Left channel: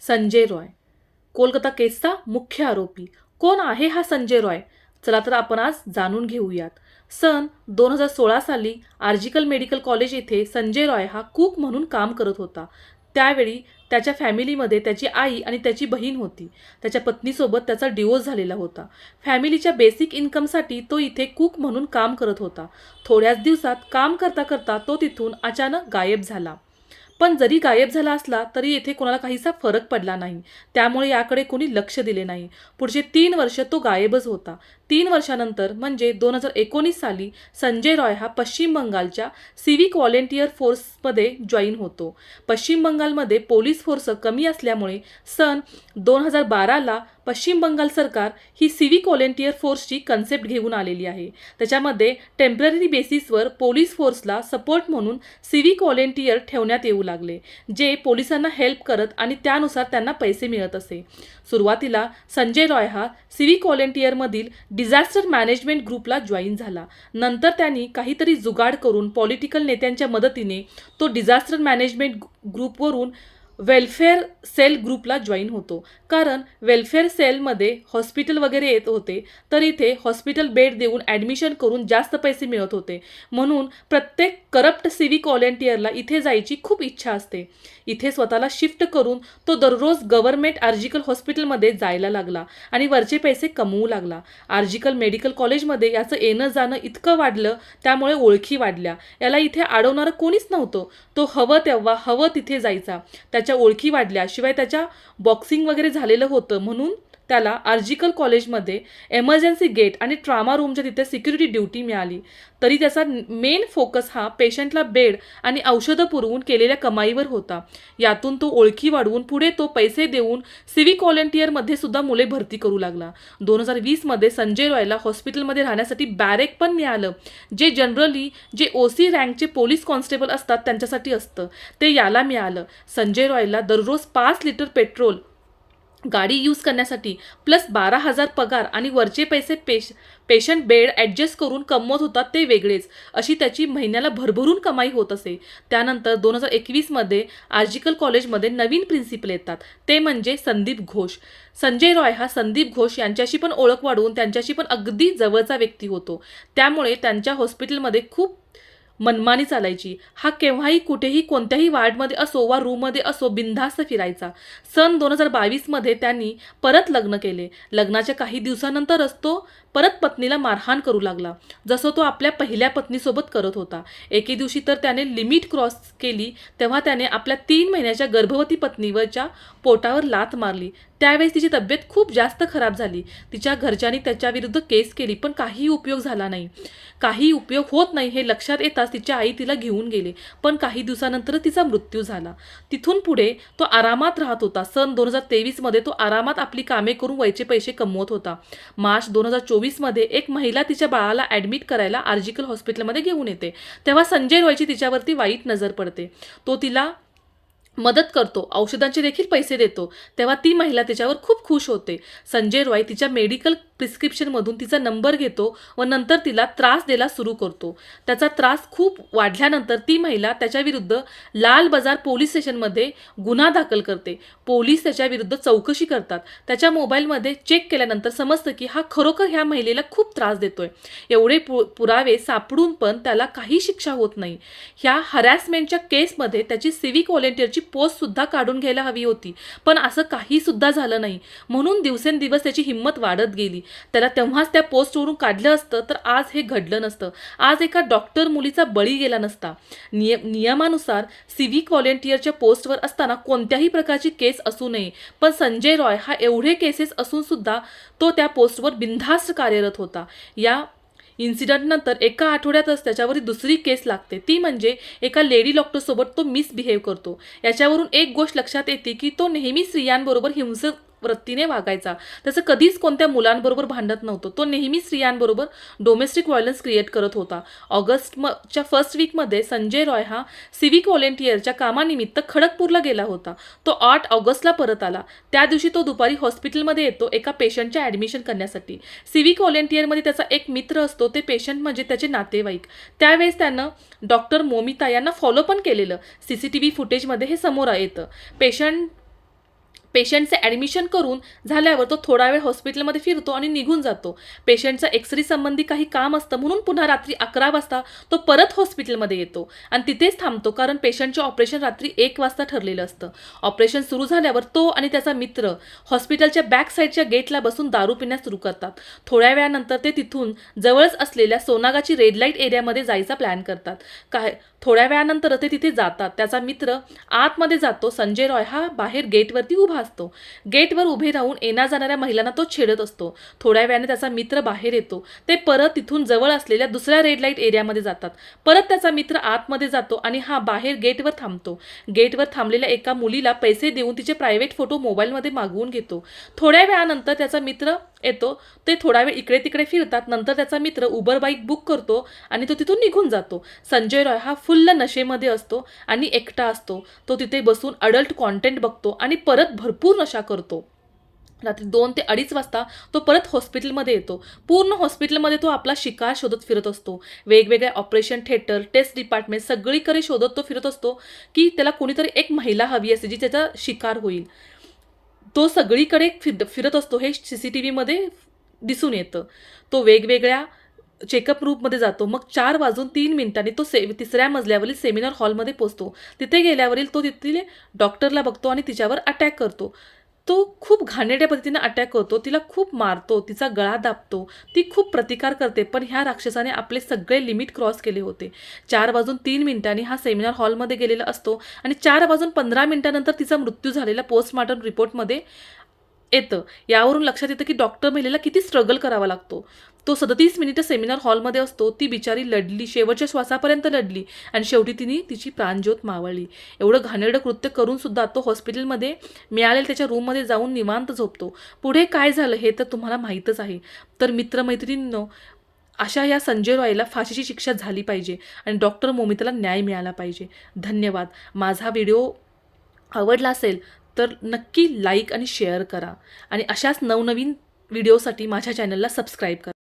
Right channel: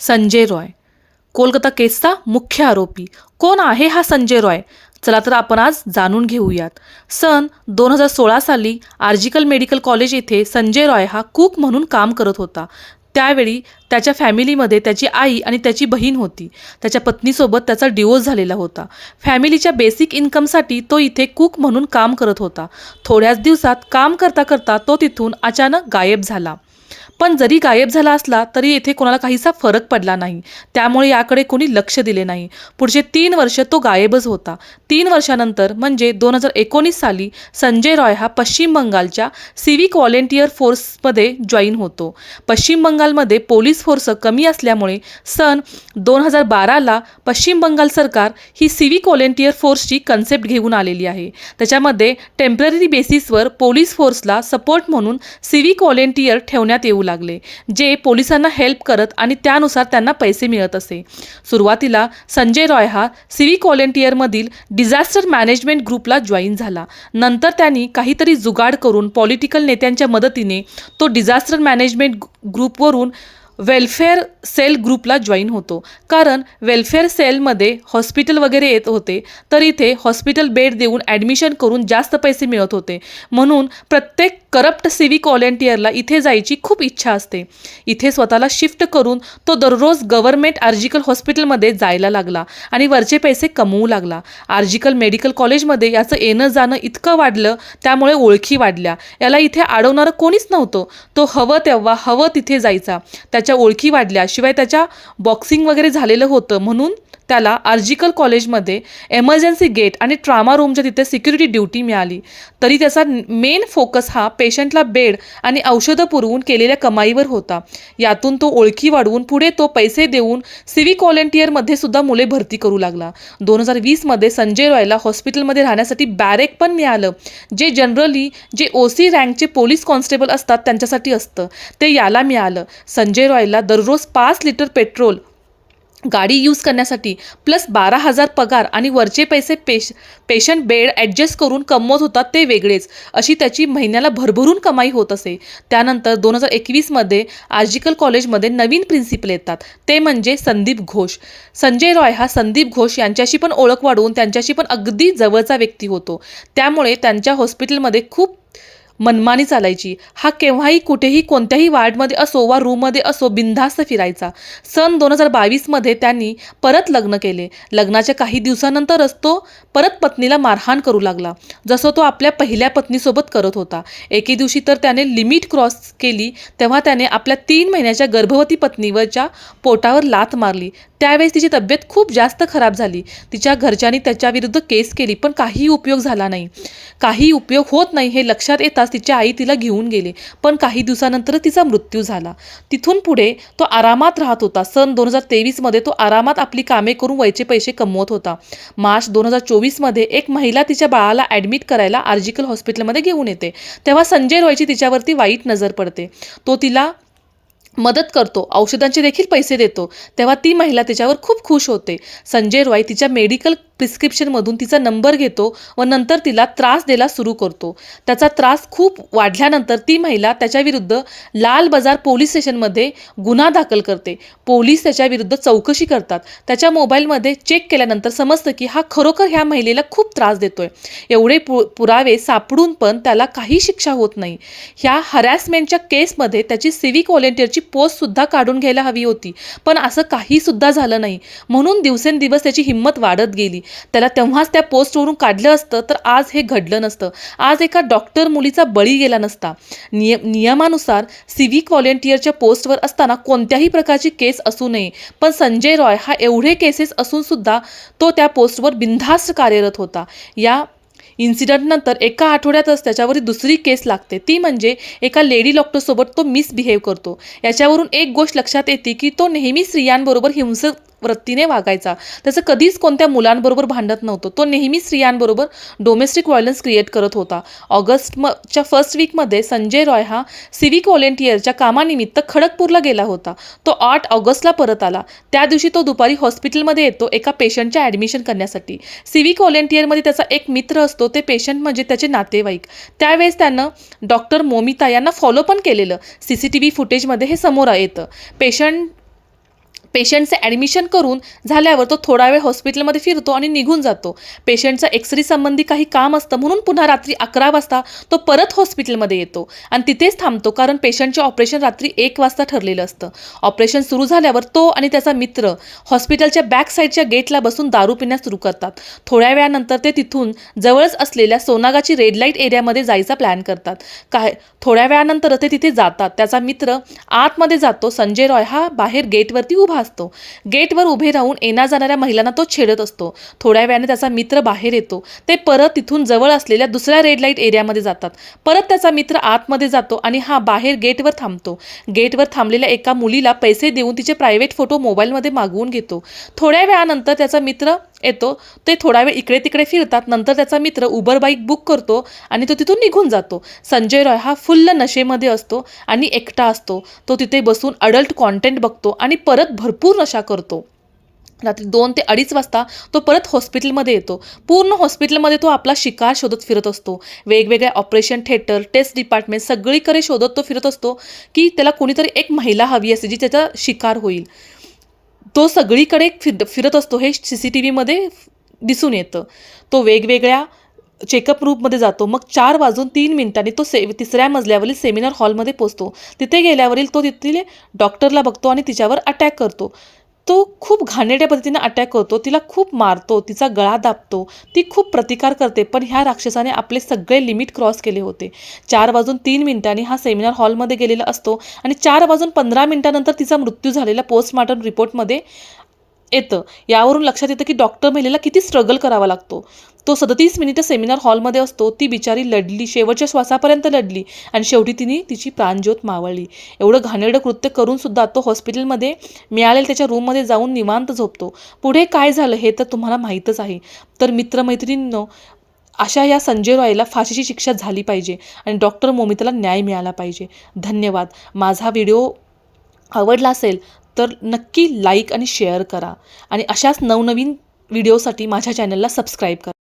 संजय रॉय, कोलकाता केसचा मुख्य आरोपी. कोण आहे हा संजय रॉय? चला तर आपण आज जाणून घेऊयात. सन 2016 साली आर्जिकल मेडिकल कॉलेज येथे संजय रॉय हा कुक म्हणून काम करत होता. त्यावेळी त्याच्या फॅमिलीमध्ये त्याची आई आणि त्याची बहीण होती. त्याच्या पत्नीसोबत त्याचा डिवोर्स झालेला होता. फॅमिलीच्या बेसिक इन्कमसाठी तो इथे कुक म्हणून काम करत होता. थोड्याच दिवसात काम करता करता तो तिथून अचानक गायब झाला. पण जरी गायब झाला असला तरी येथे कोणाला काहीसा फरक पडला नाही. त्यामुळे याकडे कोणी लक्ष दिले नाही. पुढचे 3 वर्ष तो गायबच होता. 3 वर्षानंतर म्हणजे 2019 साली संजय रॉय हा पश्चिम बंगालच्या सिव्हिक व्हॉलेंटियर फोर्समध्ये जॉईन होतो. पश्चिम बंगालमध्ये पोलीस फोर्स कमी असल्यामुळे सन 2012ला पश्चिम बंगाल सरकार ही सिव्हिक व्हॉलेंटियर फोर्सची कन्सेप्ट घेऊन आलेली आहे. त्याच्यामध्ये टेम्पररी बेसिसवर पोलीस फोर्सला सपोर्ट म्हणून सिव्हिक व्हॉलेंटियर ठेवण्यात येऊ लागले, जे पोलिसांना हेल्प करत आणि त्यानुसार त्यांना पैसे मिळत असे. सुरुवातीला संजय रॉय हा सिव्हिक व्हॉलेंटियरमधील डिझास्टर मॅनेजमेंट ग्रुपला जॉईन झाला. नंतर त्यांनी काहीतरी जुगाड करून पॉलिटिकल नेत्यांच्या मदतीने तो डिझास्टर मॅनेजमेंट ग्रुपवरून वेलफेअर सेल ग्रुपला जॉईन होतो. कारण वेलफेअर सेलमध्ये हॉस्पिटल वगैरे येत होते, तर इथे हॉस्पिटल बेड देऊन ॲडमिशन करून जास्त पैसे मिळत होते. म्हणून प्रत्येक करप्ट सिव्हिक व्हॉलेंटियरला इथे जायची खूप इच्छा असते. इथे स्वतःला शिफ्ट करून तो दररोज गव्हर्नमेंट आर्जिकल हॉस्पिटलमध्ये जायला लागला आणि वरचे पैसे कमवू लागला. आर्जिकल मेडिकल कॉलेजमध्ये याचं येणं जाणं इतकं वाढलं, त्यामुळे ओळखी वाढल्या. याला इथे अडवणारं कोणीच नव्हतं. तो हवं तेव्हा हवं तिथे जायचा. त्याच्या ओळखी वाढल्या. शिवाय त्याच्या बॉक्सिंग वगैरे झालेलं होतं, म्हणून त्याला आर्जिकल कॉलेजमध्ये एमर्जन्सी गेट आणि ट्रामा रूमच्या तिथे सिक्युरिटी ड्युटी मिळाली. तरी त्याचा मेन फोकस हा पेशंटला बेड आणि औषधं पुरवून केलेल्या कमाईवर होता. यातून तो ओळखी वाढवून पुढे तो पैसे देऊन सिव्हिक व्हॉलेंटियरमध्ये सुद्धा मुले भरती करू लागला. 2020मध्ये संजय रॉयला हॉस्पिटलमध्ये राहण्यासाठी बॅरेक पण मिळालं, जे जनरली जे OC रँकचे पोलीस कॉन्स्टेबल असतात त्यांच्यासाठी असतं. ते याला मिळालं. संजय रॉयला दररोज 5 लिटर पेट्रोल गाडी यूज करण्यासाठी प्लस 12,000 पगार आणि वरचे पैसे पेशंट बेड ॲडजस्ट करून कमवत होता ते वेगळेच. अशी त्याची महिन्याला भरभरून कमाई होत असे. त्यानंतर 2021मध्ये आर्जिकल कॉलेजमध्ये नवीन प्रिन्सिपल येतात, ते म्हणजे संदीप घोष. संजय रॉय हा संदीप घोष यांच्याशी पण ओळख वाढवून त्यांच्याशी पण अगदी जवळचा व्यक्ती होतो. त्यामुळे त्यांच्या हॉस्पिटलमध्ये खूप मनमानी चालायची. हा केव्हाही कुठेही कोणत्याही वार्डमध्ये असो वा रूममध्ये असो बिनधास्त फिरायचा. सन 2022मध्ये त्यांनी परत लग्न केले. लग्नाच्या काही दिवसानंतरच तो परत पत्नीला मारहाण करू लागला, जसं तो आपल्या पहिल्या पत्नीसोबत करत होता. एके दिवशी तर त्याने लिमिट क्रॉस केली, तेव्हा त्याने आपल्या 3 महिन्याच्या गर्भवती पत्नीवरच्या पोटावर लाथ मारली. त्यावेळेस तिची तब्येत खूप जास्त खराब झाली. तिच्या घरच्यांनी त्याच्याविरुद्ध केस केली, पण काही उपयोग झाला नाही. काही उपयोग होत नाही हे लक्षात येताच तिची आई तिला घेऊन गेली, पण काही दिवसानंतर तिचा मृत्यू झाला. तिथून पुढे तो आरामात राहत होता. सन 2023मध्ये तो आरामात आपली कामे करून वयचे पैसे कमवत होता. मार्च 2024मध्ये एक महिला तिच्या बाळाला ॲडमिट करायला आर्जिकल हॉस्पिटलमध्ये घेऊन येते. तेव्हा संजय रॉयची तिच्यावरती वाईट नजर पडते. तो तिला मदत करतो, औषधांचे देखील पैसे देतो. तेव्हा ती महिला त्याच्यावर खूप खुश होते. संजय रॉय तिच्या मेडिकल प्रिस्क्रिप्शनमधून तिचा नंबर घेतो व नंतर तिला त्रास द्यायला सुरू करतो. त्याचा त्रास खूप वाढल्यानंतर ती महिला त्याच्याविरुद्ध लाल बाजार पोलीस स्टेशनमध्ये गुन्हा दाखल करते. पोलीस त्याच्याविरुद्ध चौकशी करतात. त्याच्या मोबाईलमध्ये चेक केल्यानंतर समजतं की हा खरोखर ह्या महिलेला खूप त्रास देतोय. एवढे पुरावे सापडून पण त्याला काही शिक्षा होत नाही. ह्या हरॅसमेंटच्या केसमध्ये त्याची सिव्हिक व्हॉलेंटियरची पोस्टसुद्धा काढून घ्यायला हवी होती, पण असं काहीसुद्धा झालं नाही. म्हणून दिवसेंदिवस त्याची हिंमत वाढत गेली. त्याला तेव्हाच त्या पोस्टवरून काढलं असतं तर आज हे घडलं नसतं. आज एका डॉक्टर मुलीचा बळी गेला नसता. नियमानुसार सिव्हिक व्हॉलेंटियरच्या पोस्टवर असताना कोणत्याही प्रकारची केस असू नये, पण संजय रॉय हा एवढे केसेस असूनसुद्धा तो त्या पोस्टवर बिनधास्त कार्यरत होता. या इन्सिडंटनंतर एका आठवड्यातच त्याच्यावरती दुसरी केस लागते. ती म्हणजे एका लेडी डॉक्टरसोबत तो मिसबिहेव करतो. याच्यावरून एक गोष्ट लक्षात येते की तो नेहमी स्त्रियांबरोबर हिंसक वृत्तीने वागायचा. त्याचं कधीच कोणत्या मुलांबरोबर भांडत नव्हतं. तो नेहमी स्त्रियांबरोबर डोमेस्टिक व्हायलन्स क्रिएट करत होता. ऑगस्टच्या फर्स्ट वीकमध्ये संजय रॉय हा सिव्हिक व्हॉलेंटियरच्या कामानिमित्त खडगपूरला गेला होता. तो 8 ऑगस्टला परत आला. त्या दिवशी तो दुपारी हॉस्पिटलमध्ये येतो एका पेशंटच्या ॲडमिशन करण्यासाठी. सिव्हिक व्हॉलेंटियरमध्ये त्याचा एक मित्र असतो, ते पेशंट म्हणजे त्याचे नातेवाईक. त्यावेळेस त्यानं डॉक्टर मोमिता यांना फॉलो पण केलेलं. CCTV फुटेजमध्ये हे समोर येतं. पेशंट पेशंटचे ॲडमिशन करून झाल्यावर तो थोडा वेळ हॉस्पिटलमध्ये फिरतो आणि निघून जातो. पेशंटचं एक्सरे संबंधी काही काम असतं म्हणून पुन्हा रात्री 11 वाजता तो परत हॉस्पिटलमध्ये येतो आणि तिथेच थांबतो, कारण पेशंटचे ऑपरेशन रात्री 1 वाजता ठरलेलं असतं. ऑपरेशन सुरू झाल्यावर तो आणि त्याचा मित्र हॉस्पिटलच्या बॅक साईडच्या गेटला बसून दारू पिण्यास सुरू करतात. थोड्या वेळानंतर ते तिथून जवळच असलेल्या सोनागाची रेड लाईट एरियामध्ये जायचा प्लॅन करतात. थोड्या वेळानंतर ते तिथे जातात. त्याचा मित्र आतमध्ये जातो. संजय रॉय हा बाहेर गेटवरती उभा असतो. गेटवर उभे राहून येण्या जाणाऱ्या महिलांना तो छेडत असतो. थोड्या वेळाने त्याचा मित्र बाहेर येतो. ते परत तिथून जवळ असलेल्या दुसऱ्या रेड लाईट एरियामध्ये जातात. परत त्याचा मित्र आतमध्ये जातो आणि हा बाहेर गेटवर थांबतो. गेटवर थांबलेल्या एका मुलीला पैसे देऊन तिचे प्रायव्हेट फोटो मोबाईलमध्ये मागवून घेतो. थोड्या वेळानंतर त्याचा मित्र येतो. ते थोडा वेळ इकडे तिकडे फिरतात. नंतर त्याचा मित्र उबर बाईक बुक करतो आणि तो तिथून निघून जातो. संजय रॉय हा फुल्ल नशेमध्ये असतो आणि एकटा असतो. तो तिथे बसून अडल्ट कॉन्टेंट बघतो आणि परत भरपूर नशा करतो. रात्री 2 ते 2:30 वाजता तो परत हॉस्पिटलमध्ये येतो. पूर्ण हॉस्पिटलमध्ये तो आपला शिकार शोधत फिरत असतो. वेगवेगळ्या ऑपरेशन थिएटर, टेस्ट डिपार्टमेंट सगळीकडे शोधत तो फिरत असतो की त्याला कोणीतरी एक महिला हवी असते जी त्याचा शिकार होईल. तो सगळीकडे फिरत असतो. हे CCTVमध्ये दिसून येतं. तो वेगवेगळ्या चेकअप रूममध्ये जातो. मग 4:03 तो तिसऱ्या मजल्यावरील सेमिनार हॉलमध्ये पोचतो. तिथे गेल्यावरील तो तिथले डॉक्टरला बघतो आणि तिच्यावर अटॅक करतो. तो खूप घाणेरड्या पद्धतीने अटॅक करतो. तिला खूप मारतो. तिचा गळा दाबतो. ती खूप प्रतिकार करते. पण ह्या राक्षसाने आपले सगळे लिमिट क्रॉस केले होते. 4:03 हा सेमिनार हॉलमध्ये गेलेला असतो आणि 4:15 तिचा मृत्यू झालेला पोस्टमॉर्टम रिपोर्टमध्ये येतं. यावरून लक्षात येतं की डॉक्टर महिलेला किती स्ट्रगल करावा लागतो. तो 37 मिनिटं सेमिनार हॉलमध्ये असतो. ती बिचारी लढली, शेवटच्या श्वासापर्यंत लढली आणि शेवटी तिने तिची प्राणज्योत मावळली. एवढं घाणेरडं कृत्य करूनसुद्धा तो हॉस्पिटलमध्ये मिळालेल्या त्याच्या रूममध्ये जाऊन निवांत झोपतो. पुढे काय झालं हे तर तुम्हाला माहीतच आहे. तर मित्रमैत्रिणींनो, अशा या संजय रॉयला फाशीची शिक्षा झाली पाहिजे आणि डॉक्टर मोमिताला न्याय मिळाला पाहिजे. धन्यवाद. माझा व्हिडिओ आवडला असेल तर नक्की लाईक आणि शेअर करा आणि अशाच नवनवीन व्हिडिओसाठी माझ्या चॅनलला सबस्क्राईब करा.